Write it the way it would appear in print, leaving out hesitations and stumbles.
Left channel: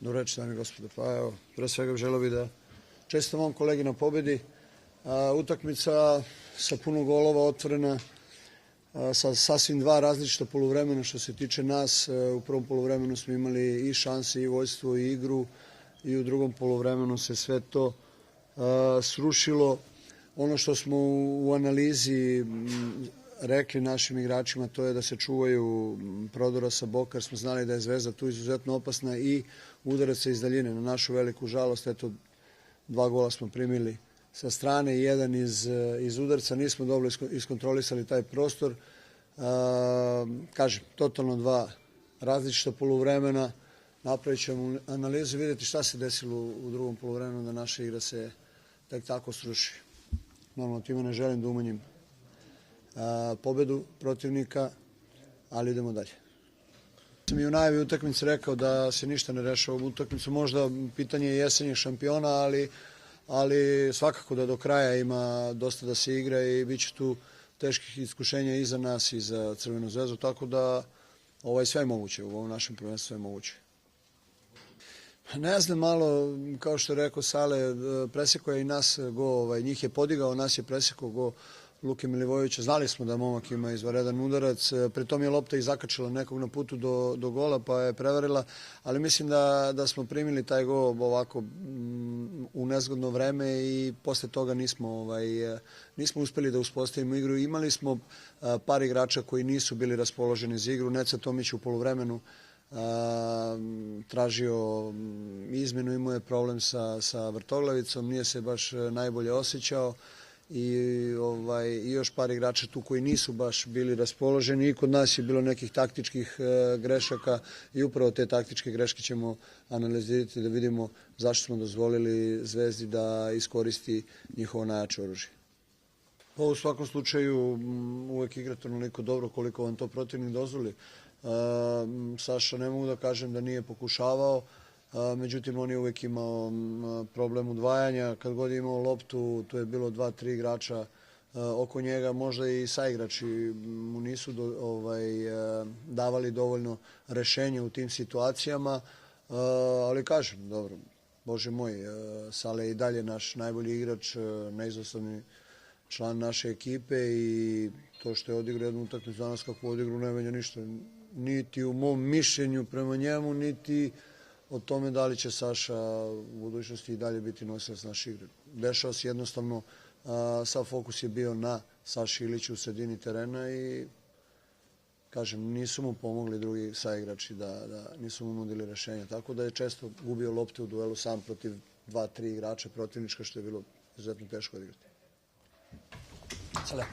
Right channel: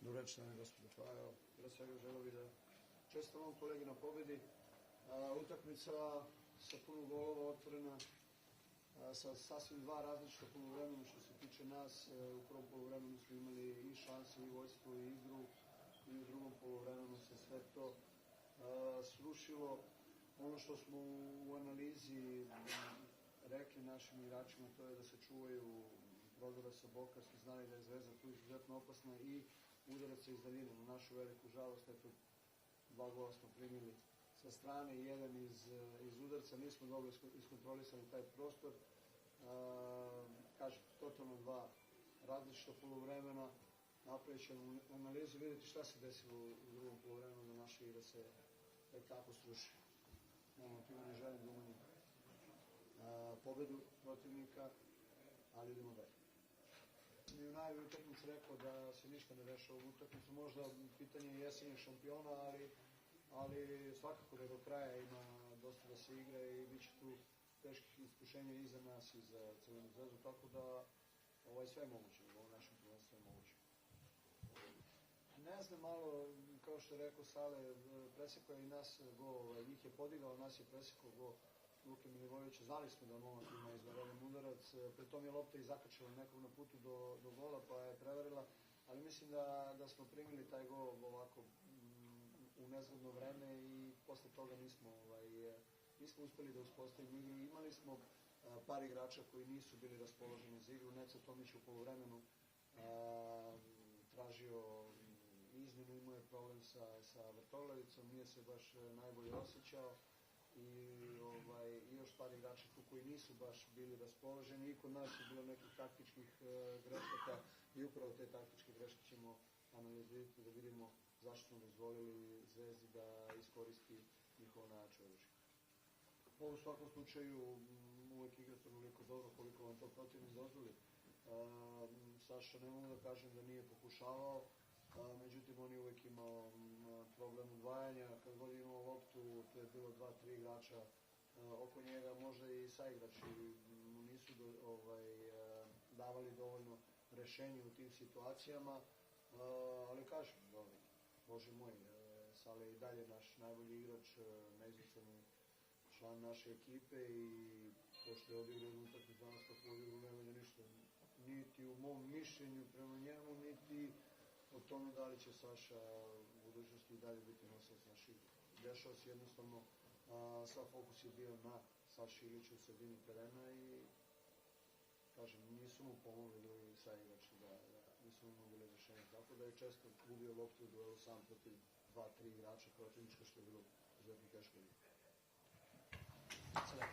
Dobro večer, dame i gospodo. Pa evo, pre svega želeo bih da čestitam ovom kolegi na pobedi. Utakmica sa puno golova, otvorena, sa sasvim dva različita poluvremena što se tiče nas. U prvom poluvremenu smo imali i šanse, i vojstvo, i igru, i u drugom poluvremenu se sve to srušilo. Ono što smo u analizi rekli našim igračima, to je da se čuvaju prodora sa boka, jer smo znali da je Zvezda tu izuzetno opasna i udaraca iz daljine. Na našu veliku žalost, eto, 2 gola smo primili sa strane i 1 iz udarca. Nismo dobro iskontrolisali taj prostor. Kažem, totalno 2 različita poluvremena. Napravit ćemo analizu i vidjeti šta se desilo u drugom poluvremenu, da naša igra se tek tako sruši. Normalno, time ne želim da umanjim pobedu protivnika, ali idemo dalje. Sam i u najavi utakmice rekao da se ništa ne rešava ovu utakmicu. Možda pitanje je jesenjeg šampiona, ali svakako da do kraja ima dosta da se igra i bit će tu teških iskušenja i za nas i za Crvenu zvezdu, tako da sve je moguće, u ovom našem prvenstvu je moguće. Ne znam, malo, kao što je rekao Sale, presekao je i nas go, njih je podigao, nas je presekao go Luke Milivojevića. Znali smo da momak ima izvanredan udarac, pritom je lopta i zakačila nekog na putu do gola pa je prevarila, ali mislim da smo primili taj gol ovako u nezgodno vreme i posle toga nismo uspeli da uspostavimo igru. Imali smo par igrača koji nisu bili raspoloženi za igru. Neca Tomić u poluvremenu tražio izmenu, imao je problem sa vrtoglavicom, nije se baš najbolje osjećao i još par igrača tu koji nisu baš bili raspoloženi. I kod nas je bilo nekih taktičkih grešaka i upravo te taktičke greške ćemo analizirati da vidimo zašto smo dozvolili Zvezdi da iskoristi njihovo najjače oružje. U svakom slučaju uvek igrate onoliko dobro koliko vam to protivnik dozvoli. Saša, ne mogu da kažem da nije pokušavao, međutim on je uvek imao problem udvajanja. Kad god je imao loptu, tu je bilo 2-3 igrača oko njega, možda i saigrači mu nisu davali dovoljno rešenja u tim situacijama, ali kažem, dobro, Bože moj, Sale je i dalje naš najbolji igrač, neizostavni član naše ekipe i to što je odigrao jednu utakmicu danas kako odigrao ne menja ništa, niti u mom mišljenju prema njemu, niti o tome da li će Saša u budućnosti i dalje biti nosilac naše igre. Dešao se jednostavno, sav fokus je bio na Saši Iliću u sredini terena i kažem, nisu mu pomogli drugi saigrači, da nisu mu nudili rešenja, tako da je često gubio lopte u duelu sam protiv 2-3 igrača protivnička, što je bilo izuzetno teško odigrati. Hvala.